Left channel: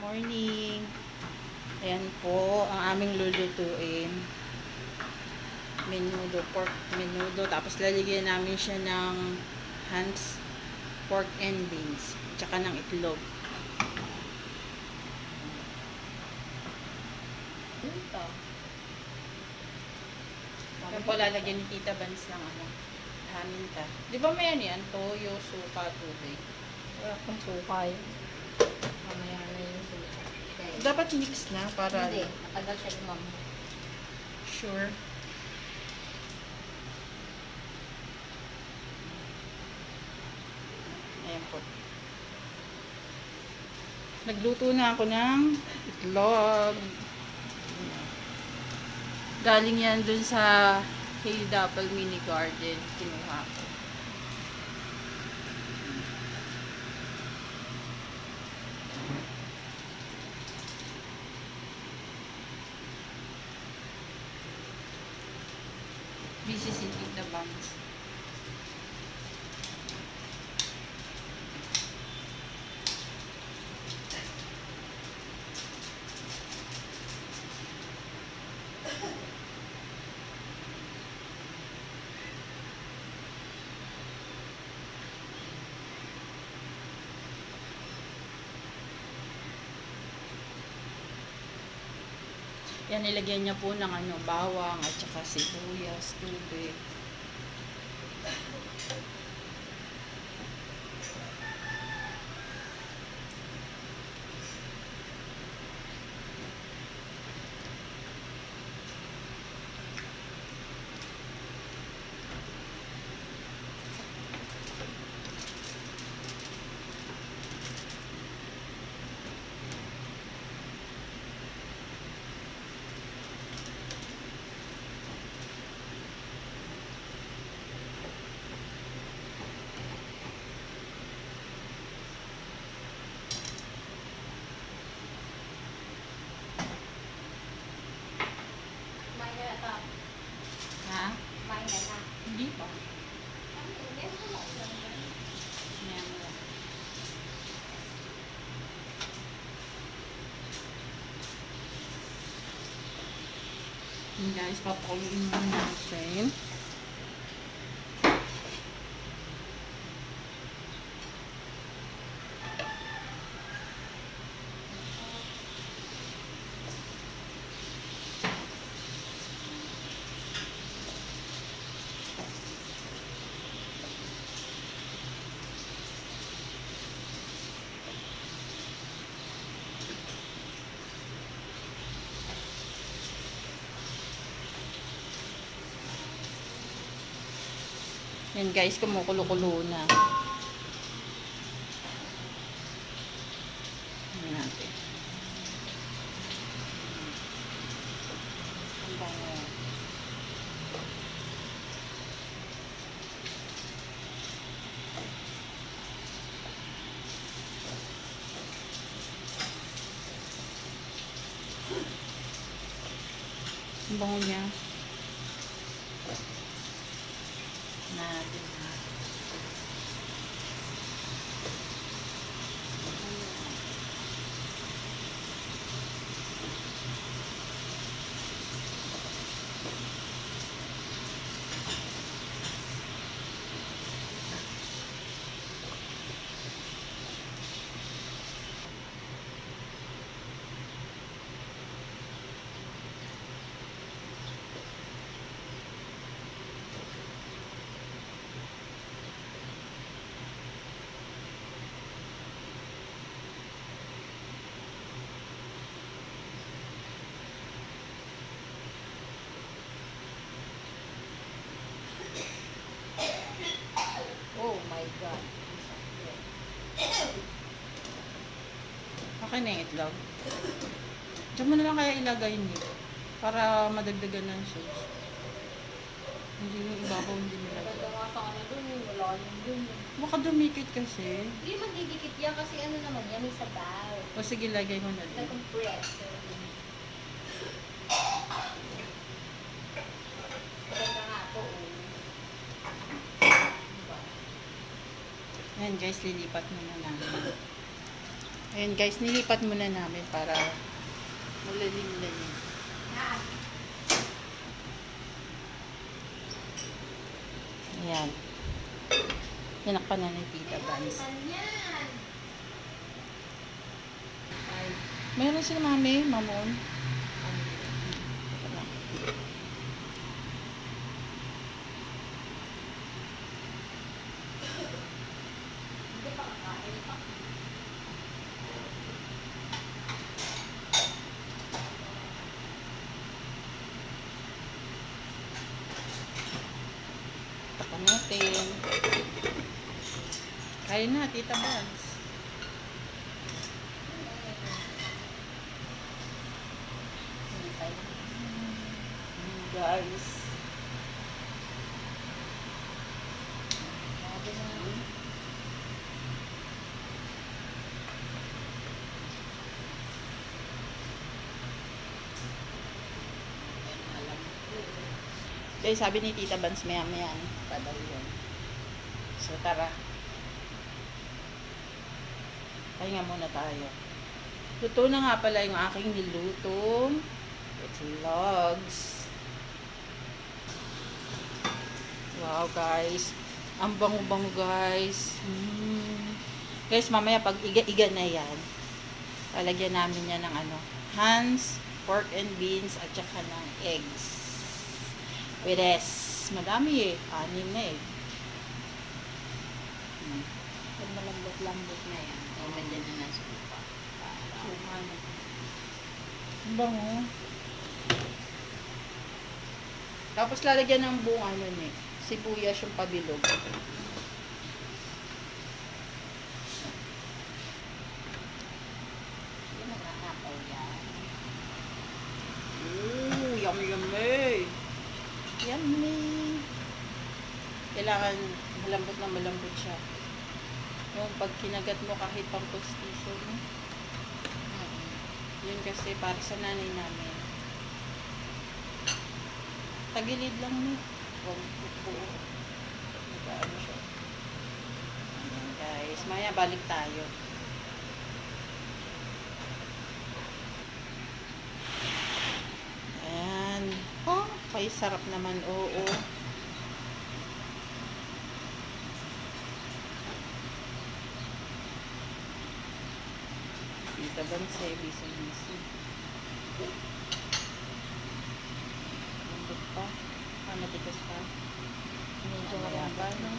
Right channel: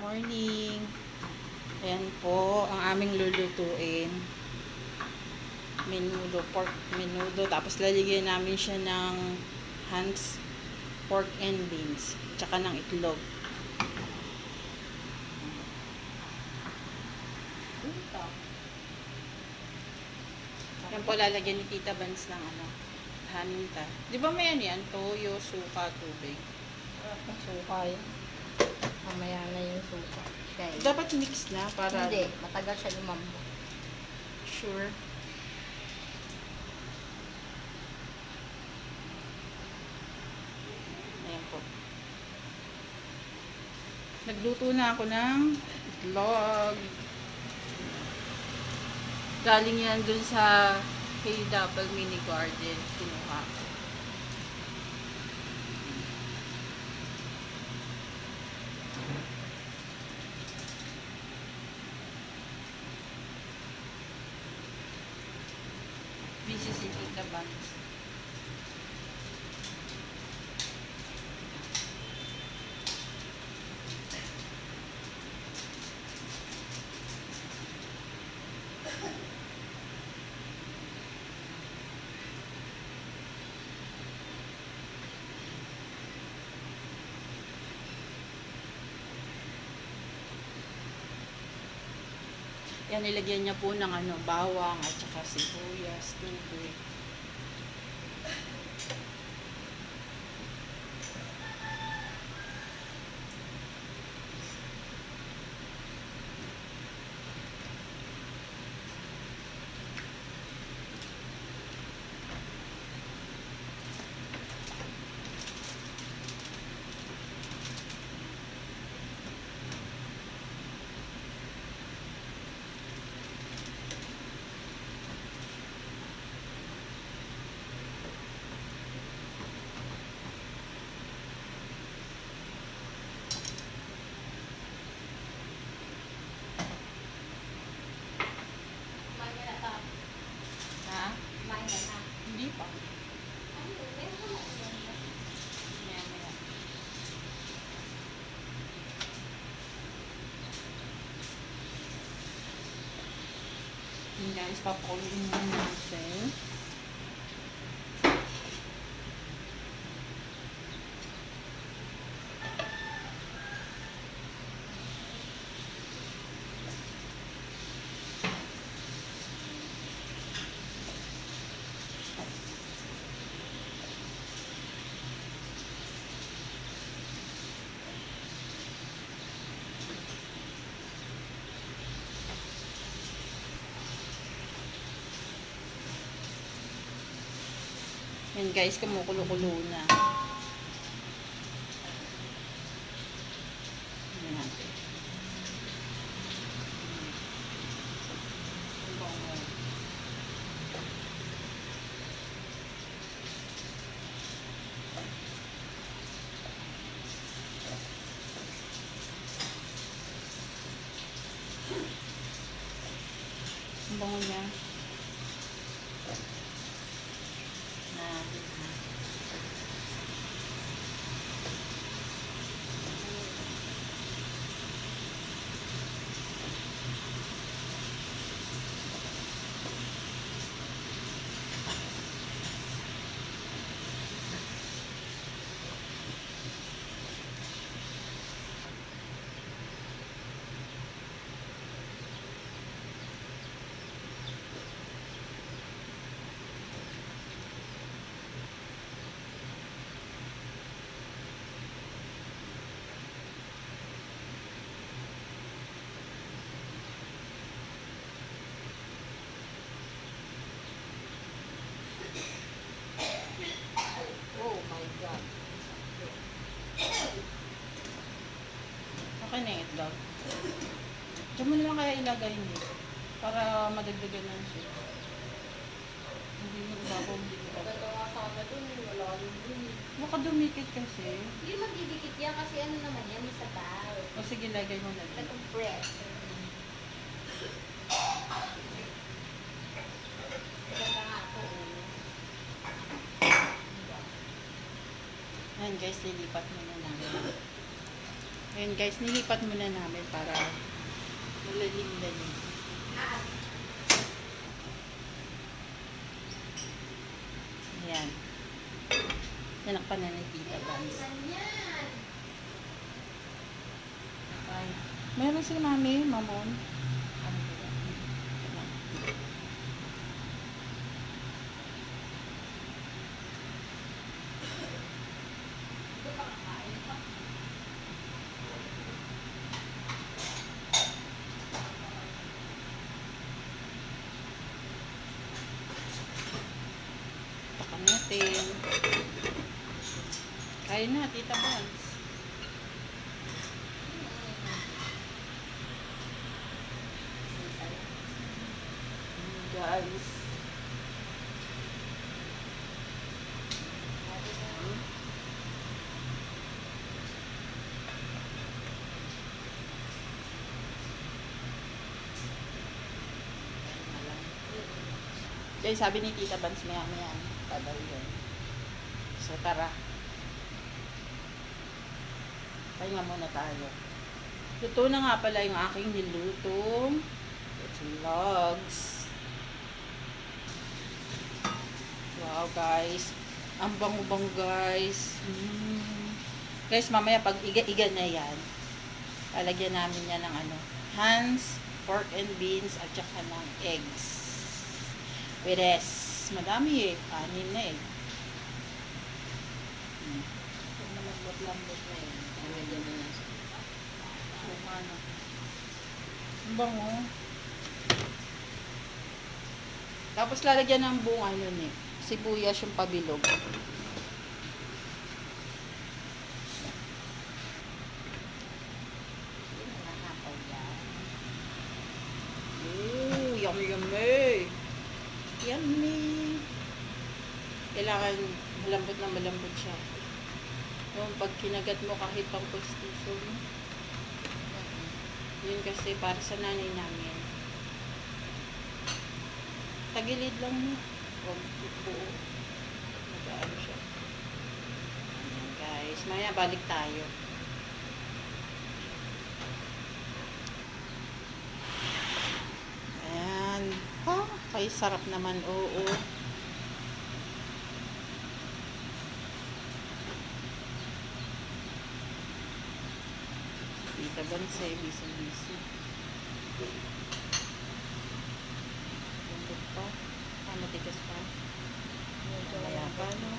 Morning. Ayan po ang aming lulutuin. Menudo, pork menudo. Tapos lalagyan namin siya ng Hans pork and beans. Tsaka ng itlog. Ayan po lalagyan ni Tita Vance ng haminta. Di ba may yan? Toyo, suka, tubig. Ang sukay. Mamaya na yung suka. Dapat mix na para... Hindi, matagal siya lumambot. Sure. Ayan po. Nagluto na ako ng itlog. Galing yan dun sa Hail Dapple Mini Garden. Kinuha ko. Busy si Tita Banks. Yan, nilagyan niya po ng bawang at saka sibuyas, tubig. Ha? Hindi pa. Yan, yan. Yan guys, papakuloyin muna natin. Yan guys, kumukulo-kulo na. Yan natin. Ang bango. Ang bango niya. Oh my God. Okay na yung itlog. Diyan mo na lang kaya ilagay niyo. Para madagdagan ng sauce. Hindi yung ibabaw, hindi nilagay. Ito nga sana dun, wala yung dun. Baka dumikit kasi. Hindi magdidikit yan kasi ano naman yan, may sabaw. O sige, lagay mo na din. Itong bread. Maganda nga ito. Ayan guys, lilipat muna namin. Ayan guys, nilipat muna namin para malalim-lalim. Ayan. Tinakpan na ni Tita Vans. Ay, meron sila mami, mamon. Takpan natin. Kaya na, Tita Vans. Guys. Guys, sabi ni Tita Vans maya-maya. Kadal yun. So, tara. Pahinga muna tayo. Luto na nga pala yung aking nilutong logs. Wow, guys. Ang bango-bango, guys. Guys, mamaya pag iga-iga na yan, lalagyan namin yan ng Hans, pork and beans, at saka ng eggs. Peres. Madami eh. 6 na eh. Malambot-lambot na yan. Lagyan na ng suka. Suka na. Ang bango. Tapos lalagyan ng buong sibuyas yung padilog. Ooh, yummy yummy. Yummy. Kailangan malambot na malambot siya. Yung pag kinagat mo kahit pang pustiso mo. Yun kasi para sa nanay namin. Tagilid lang ni. Huwag buo. Nag-ano siya. Ayan guys. Maya balik tayo. Ayan. Kay sarap naman. Oo. Tita Vans eh. Busy. Lambot pa. Matigas pa. Mamaya pa, no?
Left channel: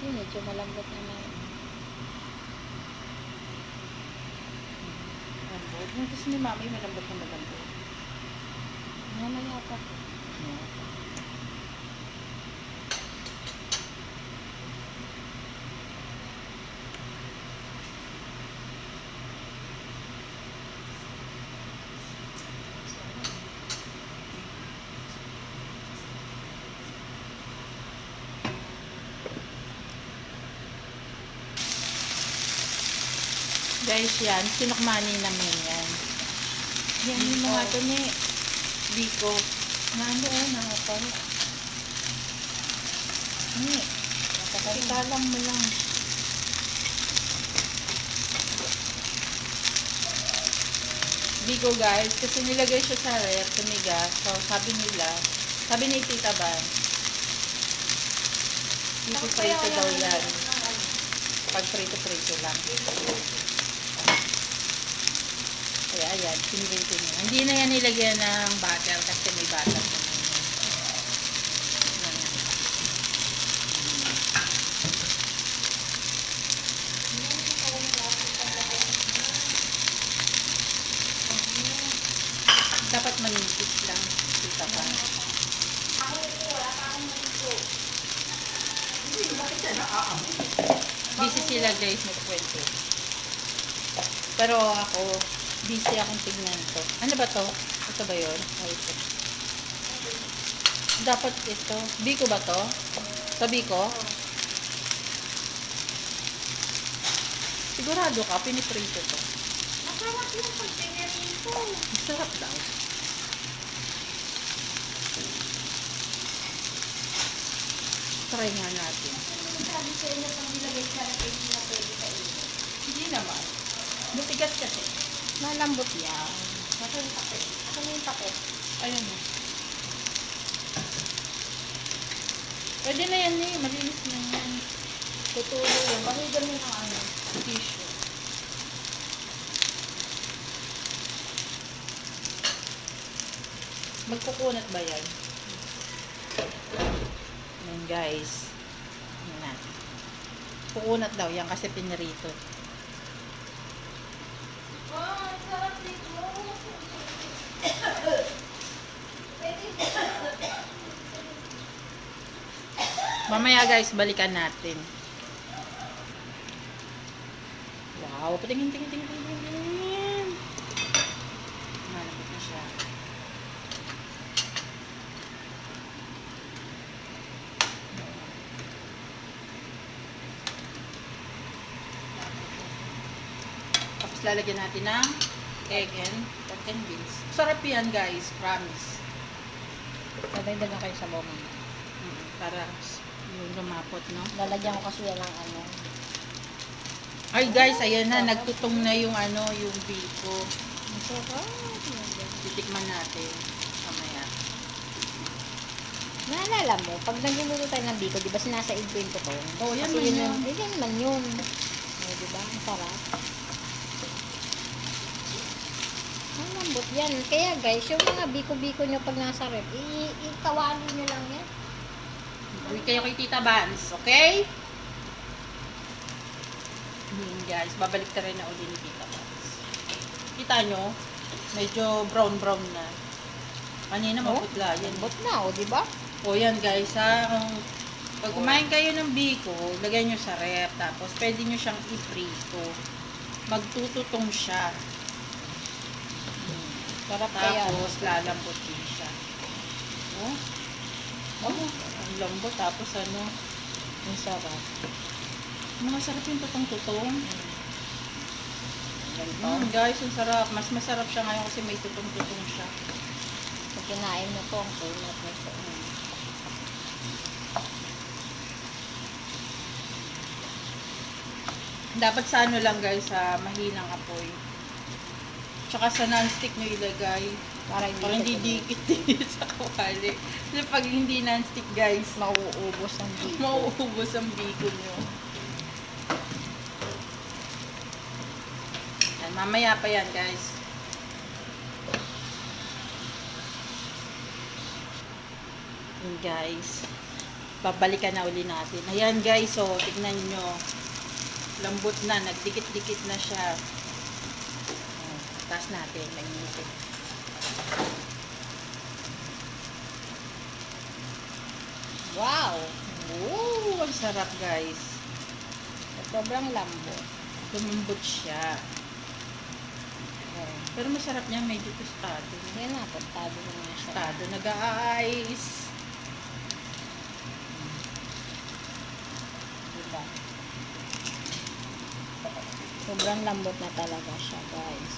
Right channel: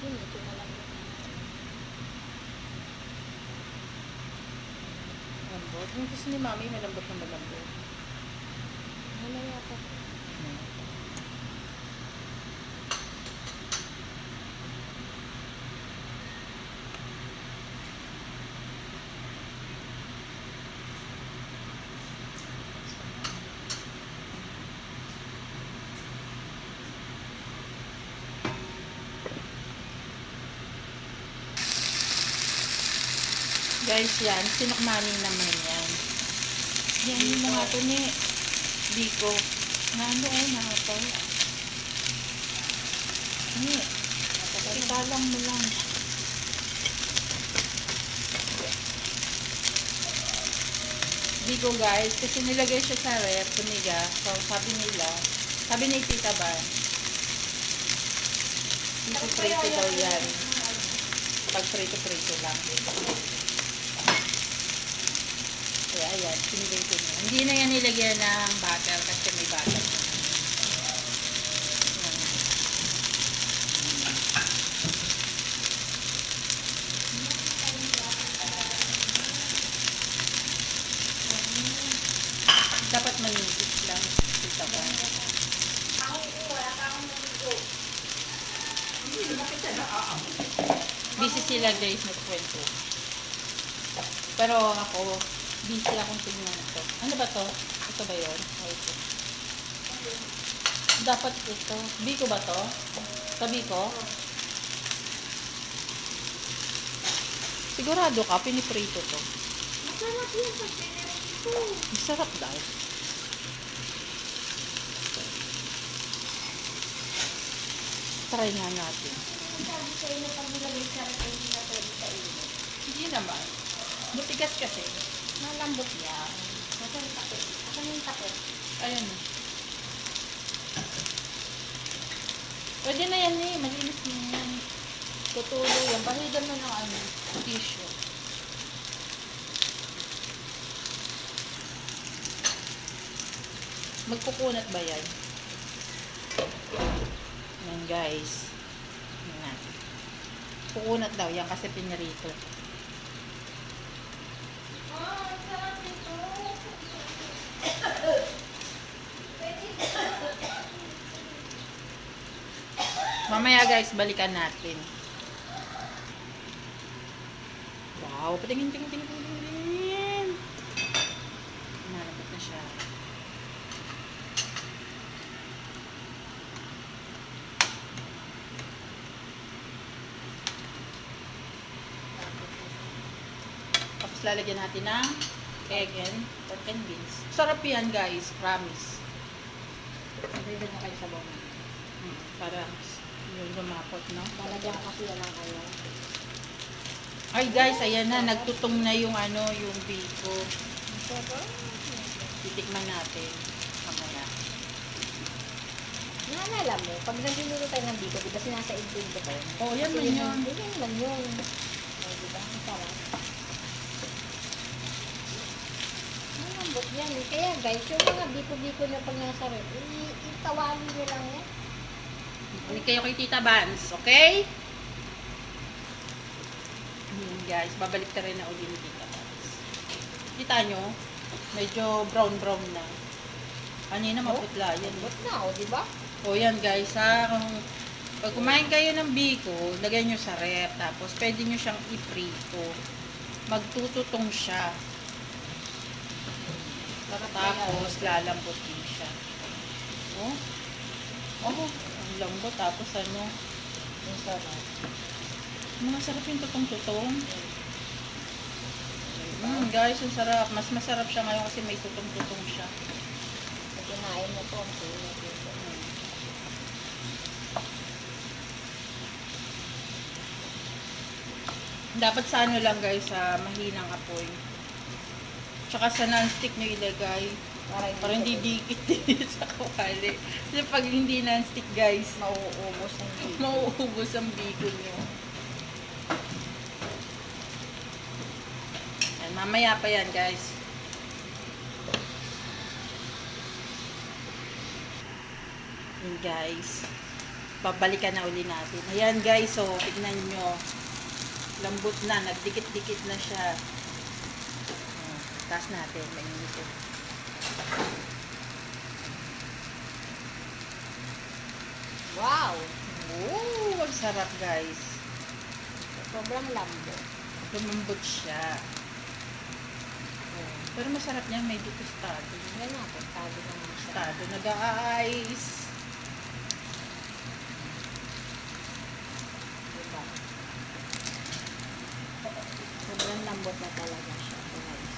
Medyo malambot na yan. Malambot. Yung gusto ni mami, malambot na malambot. Mamaya pa. Guys, yan. Sinukmani namin yan. Yan yung mga ito ni Biko. Nakapal. Ni. Ikalang mo lang. Biko guys, kasi nilagay siya sa ref, tumigas. So, sabi ni Tita Van, ipiprito daw yan. Pag prito-prito lang. Kaya ayan, pinilitin niya. Hindi na yan nilagyan ng butter kasi may butter naman. Dapat manipis lang. Kita pa. Busy sila guys, magkwento. Pero ako, busy akong tignan to. Ano ba to? Ito ba yun? O ito. Dapat ito. Biko ba to? Sa Biko? Sigurado ka, piniprito to. Masarap yung pagpinirito. Masarap daw. Try nga natin. Sabi sa'yo na pag nilagay sa rin, hindi na pwede sa iyo. Hindi naman. Matigas kasi. Malambot yan. Ako yung takot. Ako yung takot. Alam mo. Pwede na yan eh. Malinis na yan. Tutulo yan. Pahigyan mo ng ano, tissue. Magkukunat ba yan? Yan guys. Yan natin. Kukunat daw yan kasi pinirito. Mamaya guys, balikan natin. Wow, patingin, tingin, tingin, tingin, tingin. Malapit na siya. Tapos lalagyan natin ng egg and pork and beans. Sarap yan guys, promise. Nadagdag na kayo sa bawang. Para yung lumapot, no? Lalagyan ko kasi yan ng ano. Ay guys, ayan na, nagtutong na yung ano, yung biko. Titikman natin. Mamaya. Naalala mo, pag nagbubuto tayo ng biko, di ba sinasaid ko ito pala? Oh, yan Kasi man yun. Yan man yun. Di ba? Ang sarap. Malambot yan. Kaya guys, yung mga biko-biko nyo pag nasa rep, itawanan nyo lang yan. Balik kayo kay Tita Vans, okay? Yun guys, babalik na rin na uli ni Tita Vans. Kita nyo, medyo brown-brown na. Kanina maputla yan. But now, di ba? O yan guys ha, kung pag kumain kayo ng biko, lagay nyo sa rep, tapos pwede nyo siyang iprito. Magtututong siya. Sarap kaya. Tapos lalambot din siya. Oh, ang lambot. Tapos ano, Ang sarap. mga sarap yung tutong-tutong. Guys, ang sarap. Mas masarap siya ngayon kasi may tutong-tutong siya. At kinain mo po ang sarap. Dapat sa ano lang guys, sa mahinang apoy. Tsaka sa non-stick nyo ilagay. Para hindi dikit sa kawali. Kasi pag hindi non-stick guys, Mauubos ang biko. mauubos ang biko nyo. Yan, mamaya pa yan guys. Yan guys. Babalikan na uli natin. Ayan guys, so tignan nyo. Lambot na, nagdikit-dikit na siya. Taas natin, mainit. Wow! Oh, ang sarap guys. Sobrang lambot. Lumambot siya. Pero masarap niya, medyo tostado. Yan na, pagtabi mo na siya. Tostado, nag-a-ice. Diba? Sobrang lambot na talaga siya, guys.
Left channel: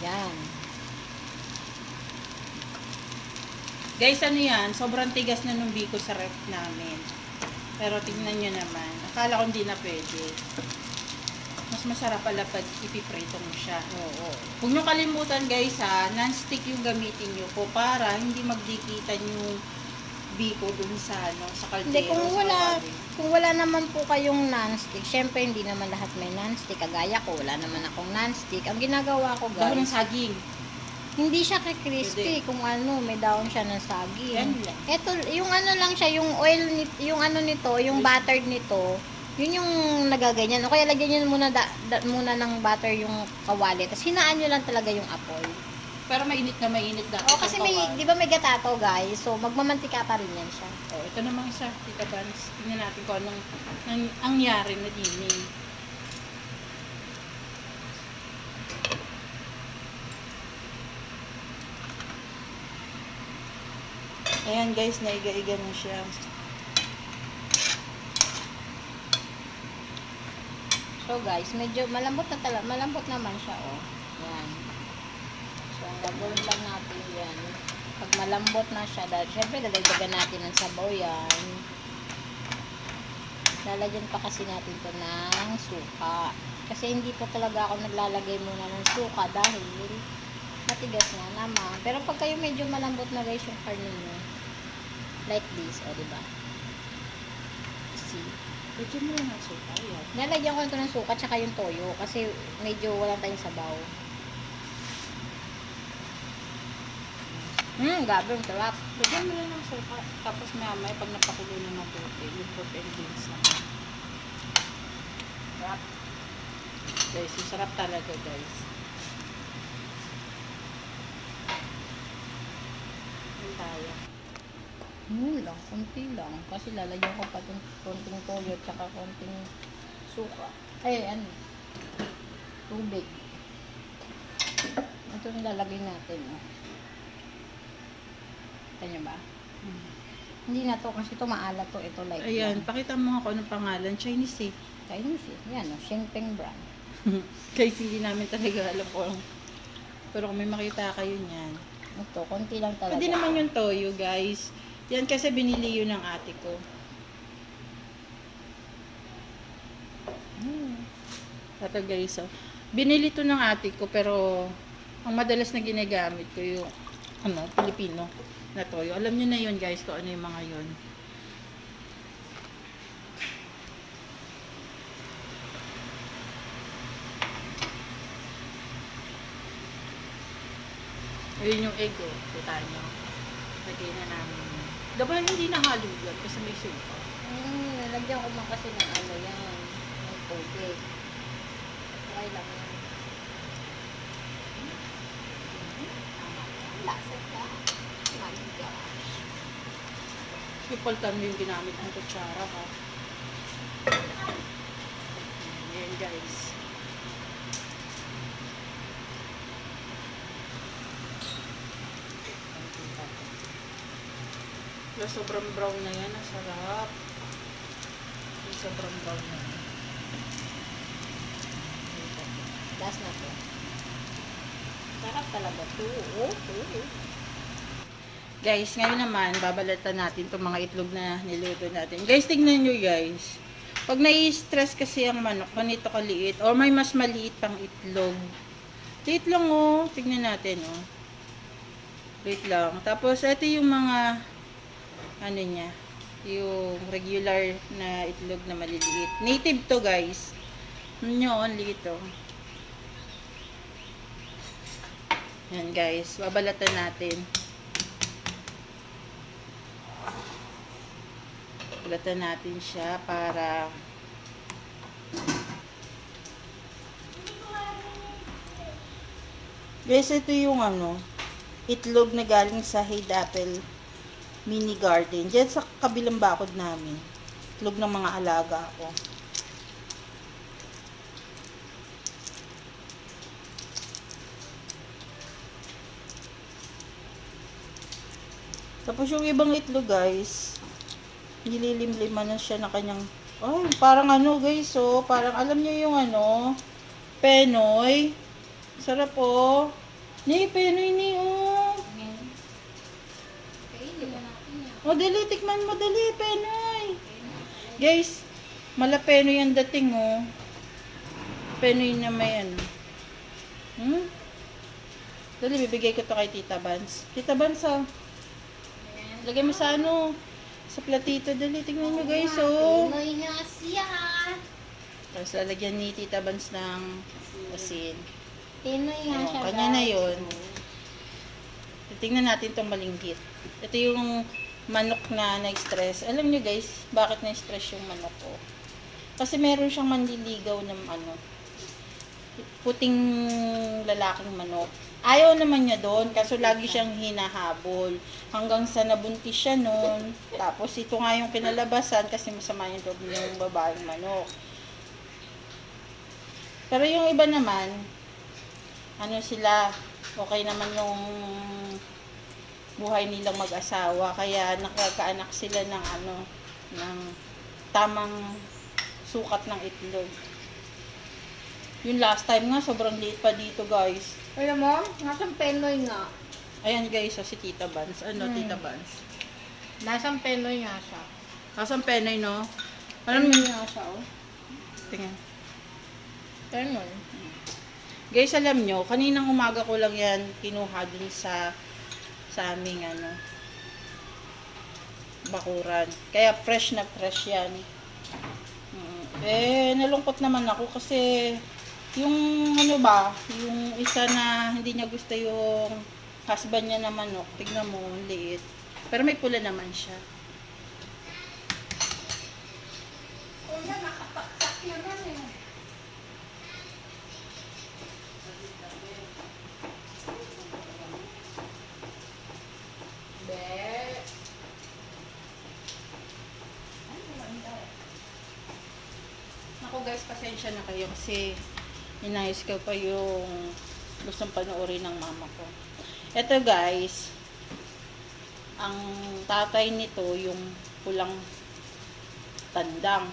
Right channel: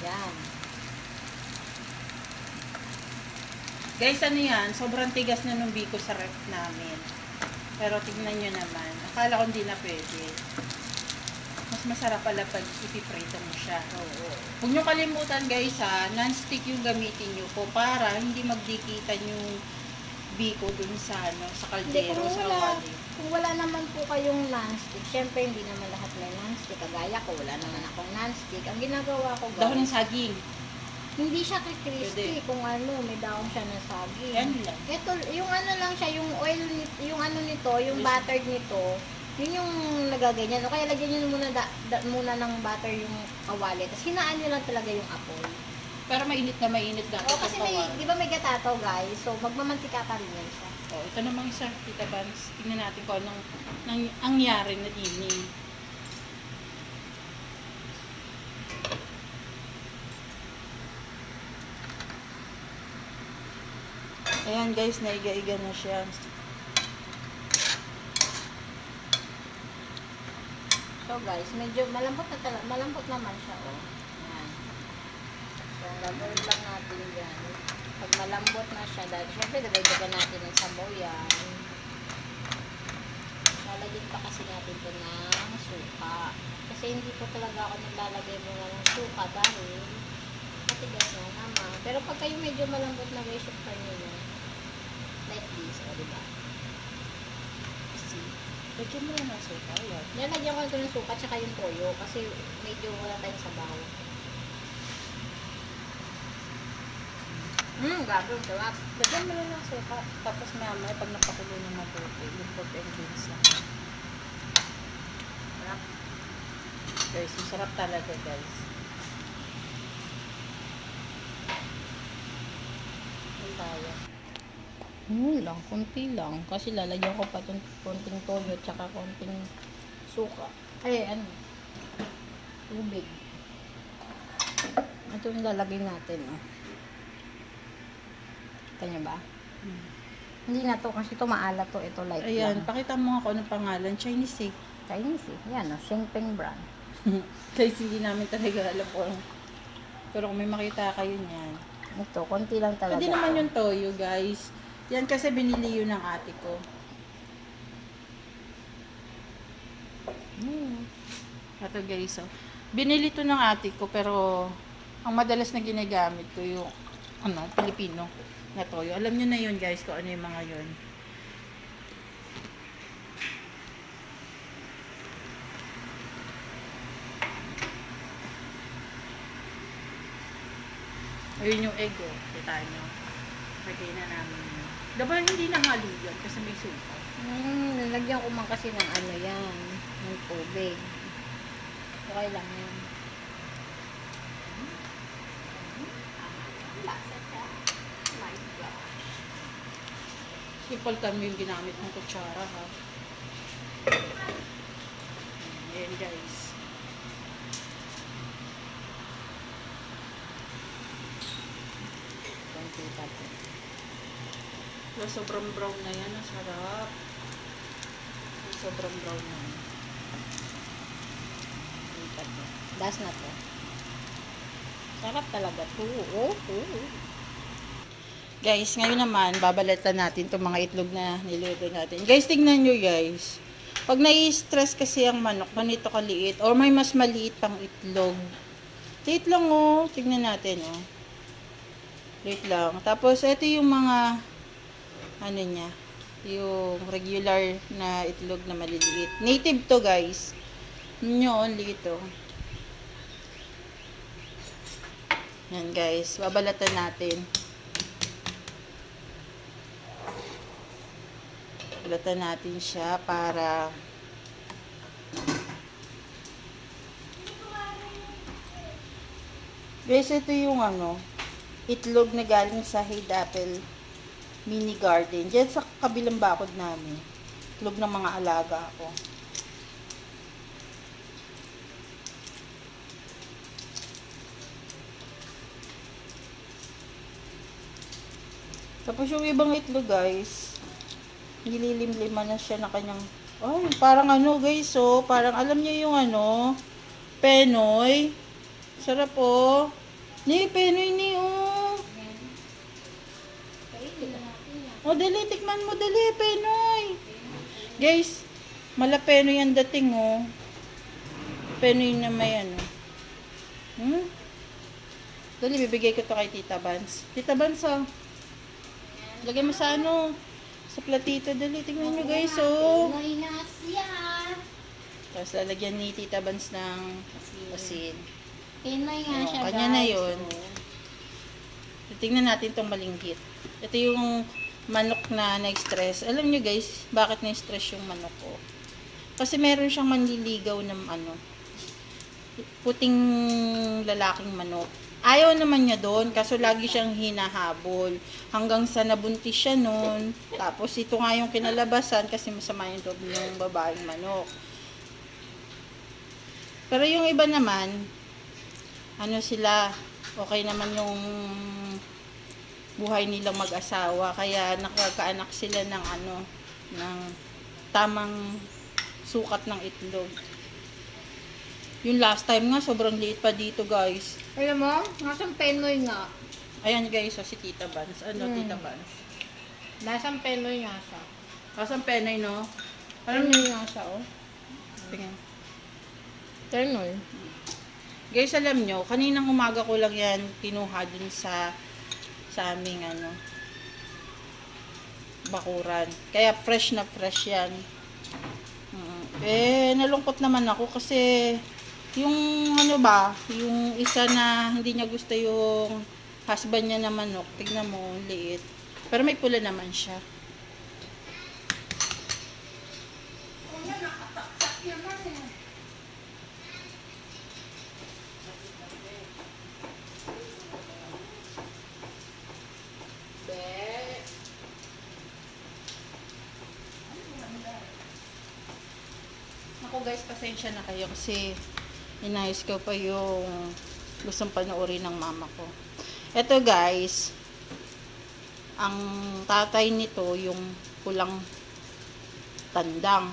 Yan. Guys, ano yan? Sobrang tigas na nung biko sa ref namin. Pero tingnan nyo naman. Akala ko hindi na pwede. Mas masarap pala pag ipiprito mo siya. Oo. Huwag nyo kalimutan guys ha, non-stick yung gamitin nyo po para hindi magdikitan yung biko dun sa, ano, sa Hindi, kaldero, sa kawali. kung wala naman po kayong non-stick, syempre hindi naman lahat may non-stick. Kagaya ko, wala naman akong non-stick. Ang ginagawa ko, guys, Dahon ng saging. hindi siya crispy Pwede. kung ano, may daon siya ng saging. Yan lang. Ito, yung ano lang siya, yung oil, yung ano nito, yung butter nito, yun yung nagaganyan. O kaya lagyan nyo muna, muna ng butter yung kawali. Tapos hinaan nyo lang talaga yung apoy. Pero mainit na mainit dapat Kasi yung may, kawali. di ba may gatato guys? So, magmamantika pa rin yan siya. Oh, ito namang isa, Tita Vans. Tingnan natin kung anong nangyari na dining. Ayan guys, naiga-iga na siya. So guys, medyo malambot na talaga, malambot naman siya, oh. Yan. So, gagawin lang natin yan. Pag malambot na siya, dahil syempre dagdagan natin ng sabaw yan. lalagyan pa kasi natin to ng suka. Kasi hindi po talaga ako naglalagay muna ng suka dahil matigas na naman. Pero pag kayo medyo malambot na guys yung karne nyo, like this, o diba? See? Lagyan mo lang ng suka. Yan. Nalagyan ko na ito ng suka tsaka yung toyo kasi medyo wala tayong sabaw. Gabi, ang sarap. Lagyan mo lang ng suka. Tapos maya pag napakulo na mabuti, yung pork and beans na. Sarap. Guys, yung sarap talaga guys. Yan tayo. Lang, konti lang. Kasi lalagyan ko pa konting toyo tsaka konting suka. Tubig. Ito yung lalagay natin. Kita nyo ba? Hindi na to kasi ito maalat to. Ito light Ayan, lang. pakita mo nga kung anong pangalan. Chinese eh. Chinese eh. Yan o, Shengpeng brand. Guys, hindi namin talaga alam kung pero kung may makita kayo niyan. Ito, konti lang talaga. Pwede naman yung toyo guys. Yan kasi binili yun ng ate ko. Ito guys, so, binili to ng ate ko pero ang madalas na ginagamit ko yung Pilipino na toyo. Alam niyo na yun guys kung ano yung mga yun. Ayun yung egg oh. Kita nyo. Lagay na namin. Dapat hindi nahalo yan kasi may suka. Nalagyan ko man kasi ng ano yan. Ng tubig. Okay lang yan. Lasa ka. My gosh. Ipaltan mo yung ginamit ng kutsara ha. Ayan guys. Sobrang brown na yan. Ang sarap. Sobrang brown na yan. Last na to. Sarap talaga to. Guys, ngayon naman, babalatan natin itong mga itlog na niluto natin. Guys, tingnan nyo guys. Pag nai-stress kasi ang manok, ganito kaliit. Or may mas maliit pang itlog. Liit lang oh. Tingnan natin oh. Liit lang. Tapos, ito yung mga ano niya, yung regular na itlog na maliliit. Native to guys. Nyo, only ito. Yan guys, babalatan natin. Babalatan natin siya para guys, ito yung itlog na galing sa Hade Apple Mini Garden. Diyan sa kabilang bakod namin. Itlog ng mga alaga ko. Tapos yung ibang itlog guys, nililimliman na siya na kanyang, parang guys, parang alam niyo yung Penoy. Sarap oh. Ni, Penoy ni dali, tikman mo, dali, Penoy. Guys, mala Penoy ang dating, Penoy na may Dali, bibigay ko to kay Tita Bans. Tita Bans, lagay mo sa sa platito, dali, tingnan nyo, guys, Pinoy na siya. Tapos, lalagyan ni Tita Bans ng asin. Pinoy nga siya. Kanya na yun. Tingnan natin tong malinggit. Ito yung manok na na-stress. Alam nyo guys, bakit na-stress yung manok ko? Kasi meron siyang manliligaw ng puting lalaking manok. Ayaw naman niya doon, kaso lagi siyang hinahabol. Hanggang sa nabuntis siya noon. Tapos ito nga yung kinalabasan kasi masama yung loob ng babaeng manok. Pero yung iba naman, sila, okay naman yung buhay nilang mag-asawa, kaya nakakaanak sila ng ng tamang sukat ng itlog. Yung last time nga, sobrang liit pa dito guys. Alam mo, nasang Pinoy nga. Ayan guys, si Tita Bans. Tita Bans? Nasang Pinoy nga siya. Nasang Penoy, no? Alam mo, nga siya, oh. tingnan. Ternoy. Guys, alam nyo, kaninang umaga ko lang yan kinuha din sa aming bakuran. Kaya fresh na fresh yan. Nalungkot naman ako kasi yung yung isa na hindi niya gusto yung husband niya na manok. Tignan mo, liit. Pero may pula naman siya. Nakataktak naman eh. Ako guys, pasensya na kayo kasi inayos ko pa yung gustong panoorin ng mama ko. Ito guys, ang tatay nito yung pulang tandang.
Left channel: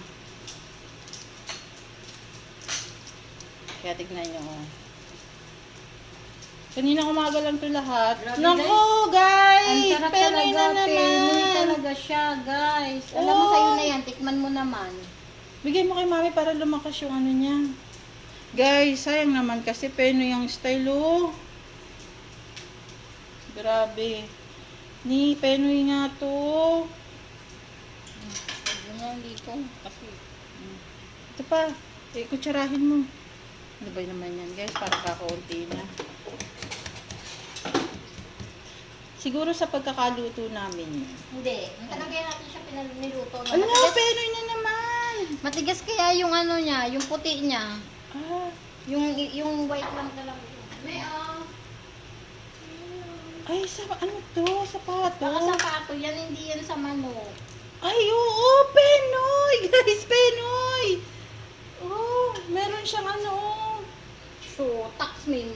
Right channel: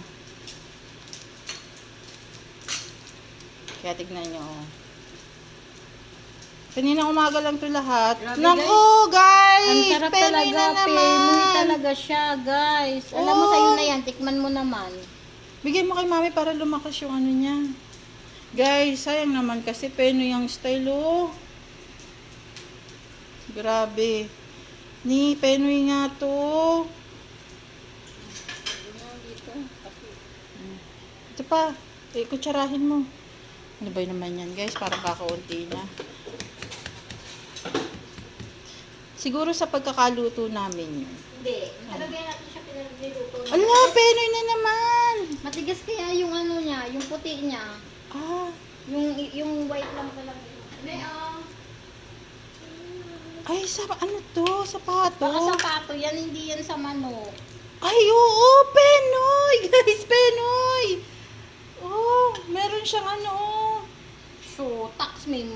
Kaya tignan nyo. Kanina umaga lang ito lahat. Grabe, Naku guys! Ang sarap Penoy talaga, na naman! Penoy talaga siya, guys. Alam mo, sa'yo na yan, tikman mo naman. Bigay mo kay mami para lumakas yung ano niya. Guys, sayang naman kasi Penoy yung style, oh. Grabe. Ni Penoy nga to. Yun dito. Ito pa. Kutsarahin mo. Ano ba naman yan, guys? Parang kakaunti na. Siguro sa pagkakaluto namin yun. Hindi. Nakalagay natin siya pinaniluto. Ala, Penoy na naman! Matigas kaya yung ano niya, yung puti niya. Ah, Yung white lang talaga. May, ay, ano to? Sapato? baka sapato yan, hindi yan sa manok. Ay, oo, Penoy! Guys, Penoy! Oh, meron siyang ano. So, tax me.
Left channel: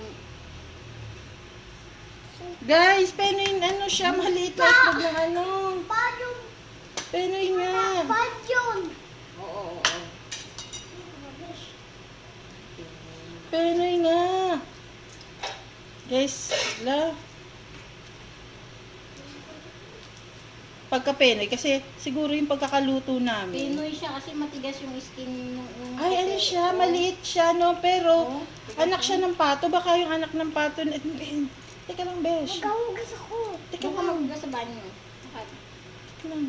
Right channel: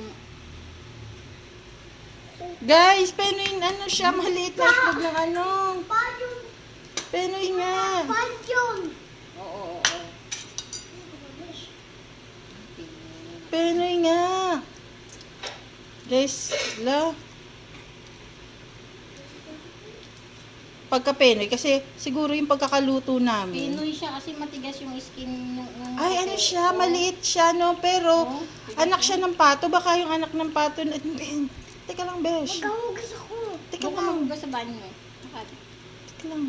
Guys, Penoy, ano siya, maliit na itlog ng ano. Penoy nga. Oo. Penoy nga. Guys, pagka Penoy, kasi siguro yung pagkakaluto namin. Pinoy siya kasi matigas yung skin. Ay, ano siya, maliit siya, no? Pero, anak siya ng pato. Baka yung anak ng pato, teka lang, besh. Magkahugas ako. Teka lang. Magkahugas sa banyo. Teka lang.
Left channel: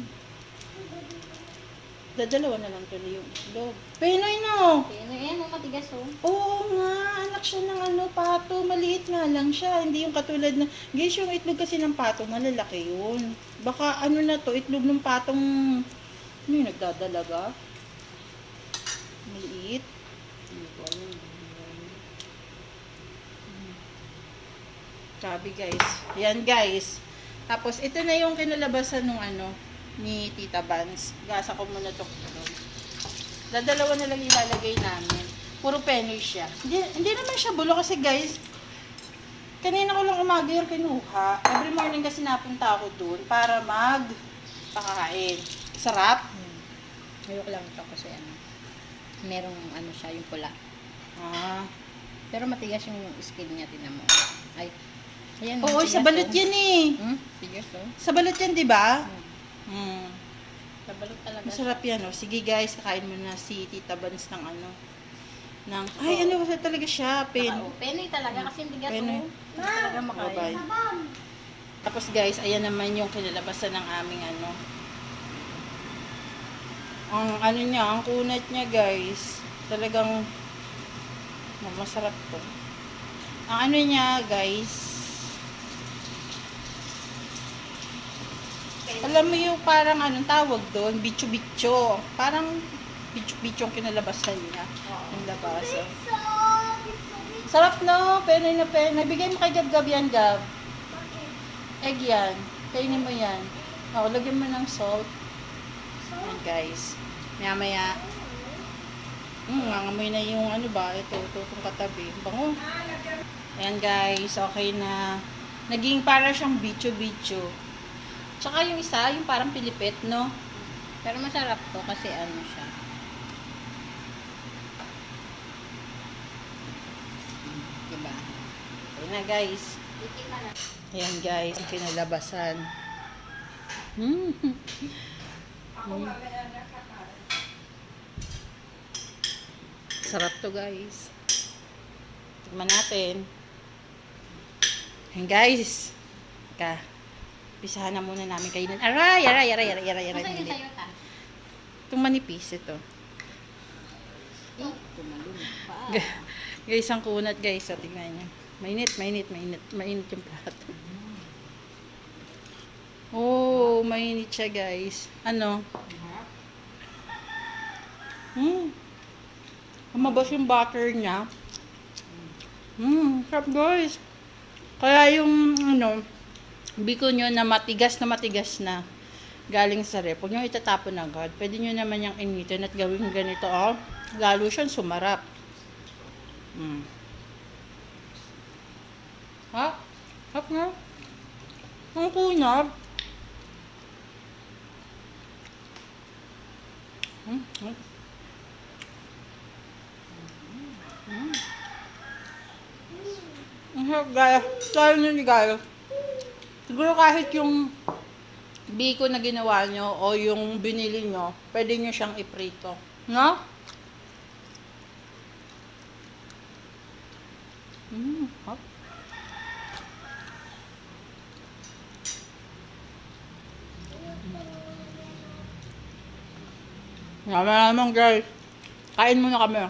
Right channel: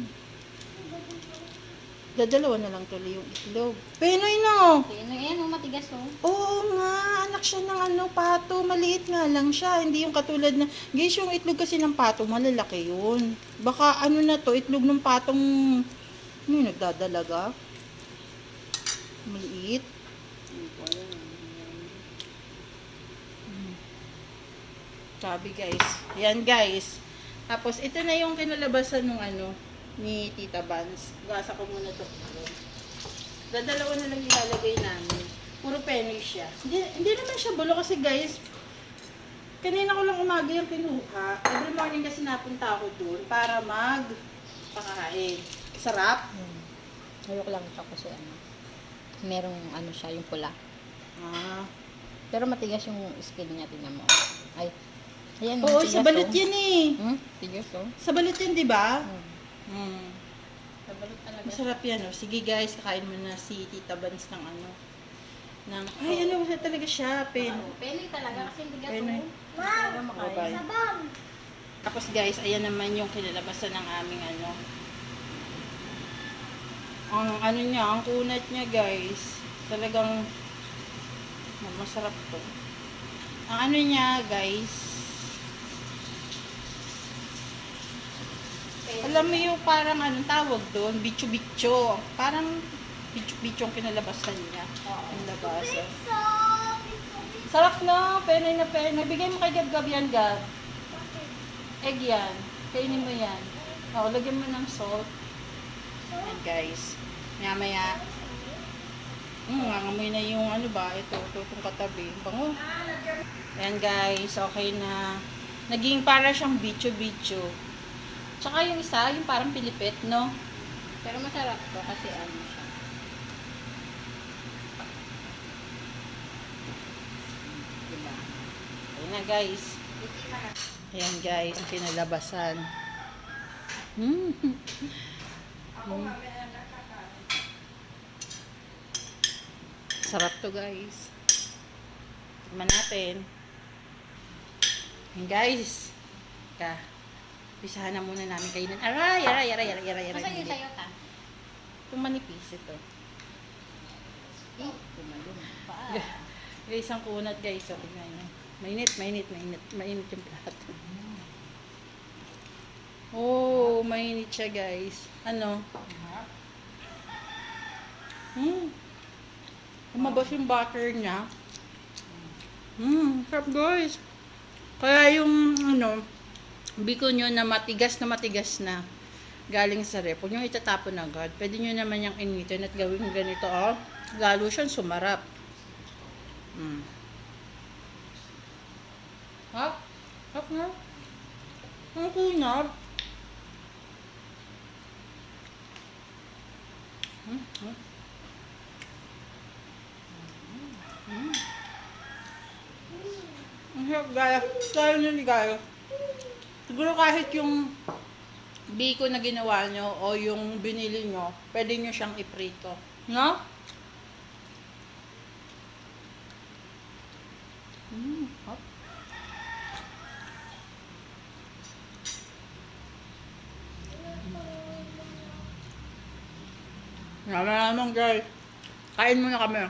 Dadalawa na lang tuloy yung itlog. Penoy, no? Pinoy, yan, matigas oh. Oo nga, anak siya ng pato. Maliit nga lang siya. Hindi yung katulad na, guys, yung itlog kasi ng pato, malalaki yun. Baka ano na to, itlog ng patong, yung nagdadalaga. Maliit. Sabi guys. Yan guys. Tapos, ito na yung kinalabasan ng ni Tita Vans. Gasa ko muna to. Dadalawa na lang ilalagay namin. Puro Penoy siya. Hindi naman siya bulo kasi guys, kanina ko lang umaga yung kinuha. Every morning kasi napunta ako dun para pakain. Sarap. Ayoko lang ito kasi merong siya, yung pula. Ah. Pero matigas yung skin niya, tinan mo. Ay, ayan. Oo, matigas, sa balot oh. yan eh. Tigas oh. Sa balot yan, di ba? Hmm. Sa balot talaga. Masarap yan, oh. Sige guys, kakain mo na si Tita Vans ng ay, ano talaga siya, Penoy talaga kasi tigas Penoy. oh. Talaga makain. Tapos guys, ayan naman yung kinalabasan ng aming ang niya, ang kunat niya guys. Talagang masarap to. Ang niya guys, alam mo yung parang tawag doon, bicho-bicho. Parang bicho-bicho ang kinalabasan niya. Yung labas. Sarap no? Penoy na penoy. Nabigay mo kay Gab yan, Gab. Egg yan. Kainin mo yan. O, lagyan mo ng salt. Ayan guys. Maya-maya. Nangamoy na yung ito, itong katabi. Bango. Ayan guys, okay na. Naging para siyang bicho-bicho. Tsaka yung isa, yung parang pilipit, no? Pero masarap to kasi siya. Diba? Ayan na guys. Ayan guys, ang kinalabasan. Masarap to guys. Tignan natin. Ayan guys. Teka. Isahan na muna namin kainin. Aray. Masaan yung sayo ta? Itong manipis ito. Tumalun pa. Guys, ang kunat guys. So, tingnan nyo. Mainit yung plato. Oh, mainit siya guys. Ano? Lumabas yung butter niya. Sarap guys. Kaya yung biko nyo na matigas na galing sa rep, huwag nyo itatapon agad. Pwede nyo naman yung initin at gawin ganito, oh. Lalo siyang sumarap. Hap na. Ang kunap. Ang sarap guys. Lalo nyo ni guys. Siguro kahit yung biko na ginawa nyo o yung binili nyo, pwede nyo siyang iprito. No? Hop. Naman guys. Kain muna kami.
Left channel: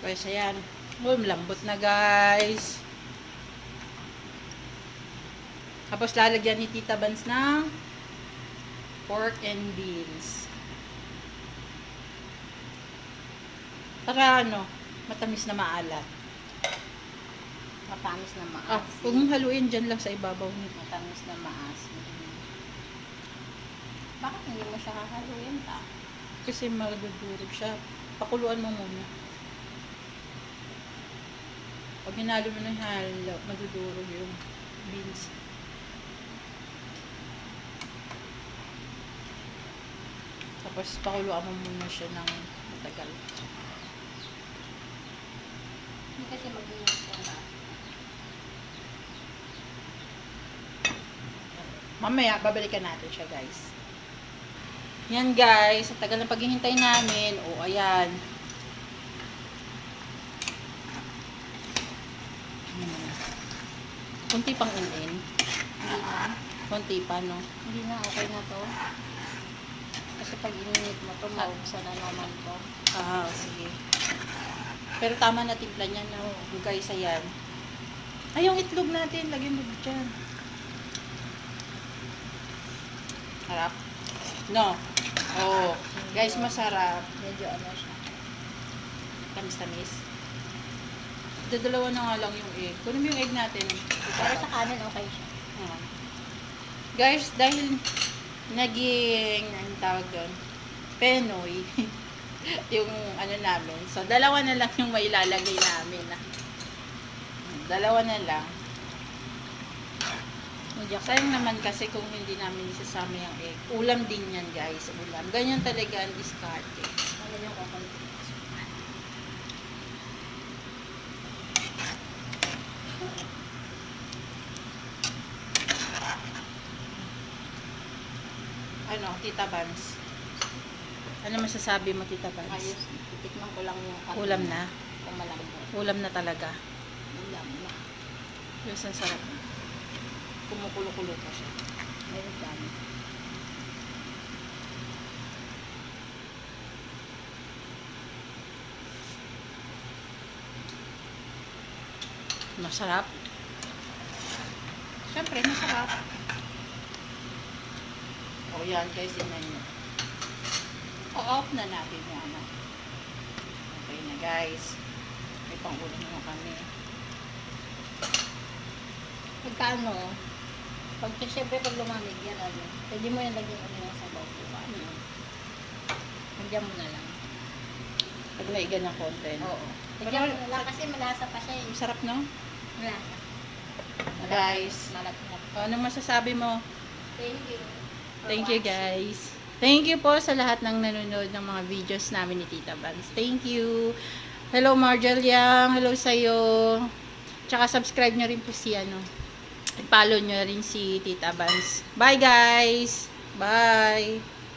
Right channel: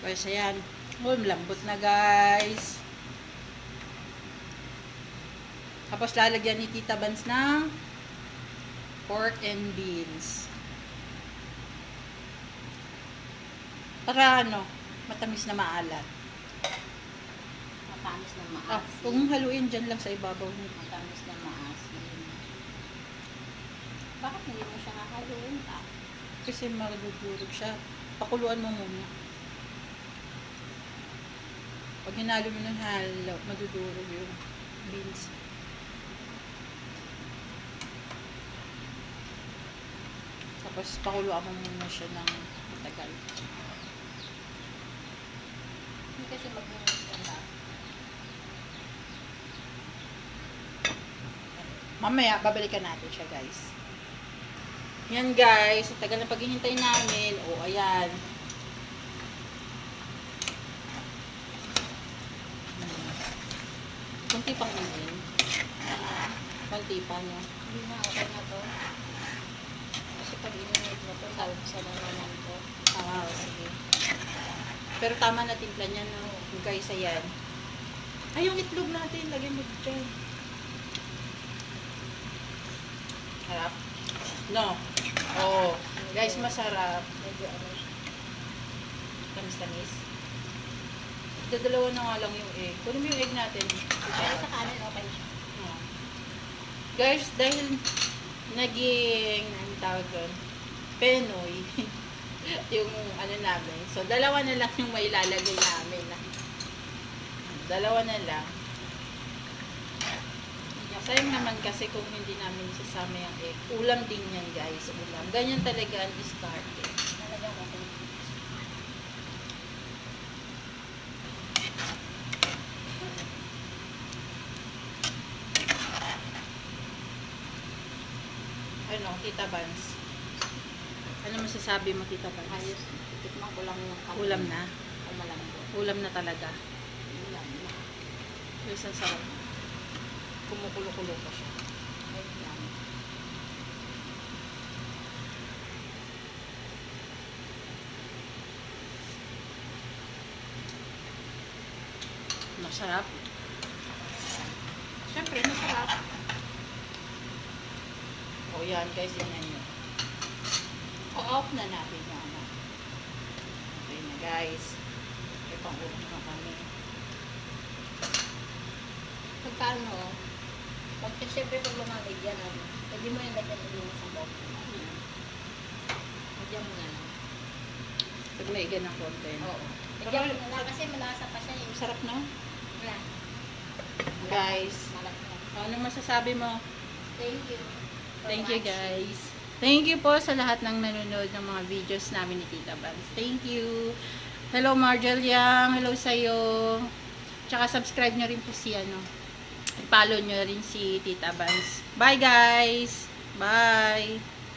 Guys, ayan. Oh, malambot na guys. Tapos lalagyan ni Tita Bans ng pork and beans. Para matamis na maalat. Matamis na maas. Huwag mong haluin dyan lang sa ibabaw. Matamis na maas. Bakit hindi mo siya kakaluin ta? Kasi magdudurog siya. Pakuluan mo muna. Pag hinalo mo ng halo, madudurog yung beans. Tapos pakuluan mo muna siya ng matagal. Hindi kasi mag-iinit siya ba? Mamaya, babalikan natin siya guys. Yan guys, ang tagal na paghihintay namin. O, ayan. Kunti pang unin. Kunti pa, no? Hindi na, okay na to. Kasi pag ininit mo to, naubsa na naman to. Sige. Pero tama na timpla niya ng guys, ayan. Ay, yung itlog natin, lagyan mo dyan. Harap. No. Oh, guys, masarap. Medyo ano siya. Tamis-tamis. Dadalawa na nga lang yung egg. Kunin mo yung egg natin. Pero sa kanin, okay siya. Guys, dahil naging, anong tawag doon? Penoy. Yung namin. So, dalawa na lang yung mailalagay namin. Dalawa na lang. Sayang naman kasi kung hindi namin isasama yung egg. Ulam din yan guys. Ulam. Ganyan talaga ang diskarte. Talagang okay. Tita Bans? Ano masasabi mo, Tita Bans? Ayos. Titikman ko lang yung kanin. Ulam na? Kung malambot. Ulam na talaga. Ulam na. Guys, ang sarap. Kumukulo-kulo pa siya. Meron lang. Masarap. Siyempre, masarap. O yan, guys, yun na yun. O-off na natin yan. Okay na, guys. May pang-ulam na kami. Pagkano, pag siyempre pag lumamig yan, pwede mo yan lagyan ulit ng sabaw. Nandiyan mo na lang. Pag maiga na konti. Oo. Nandiyan mo na lang kasi malasa pa siya eh. Sarap, no? Wala. Guys, Malat na. anong masasabi mo? Thank you. Thank you, guys. Thank you po sa lahat ng nanonood ng mga videos namin ni Tita Bans. Thank you. Hello Marjel Yang, hello sa'yo. Tsaka subscribe nyo rin po si follow nyo rin si Tita Vans. Bye guys! Bye!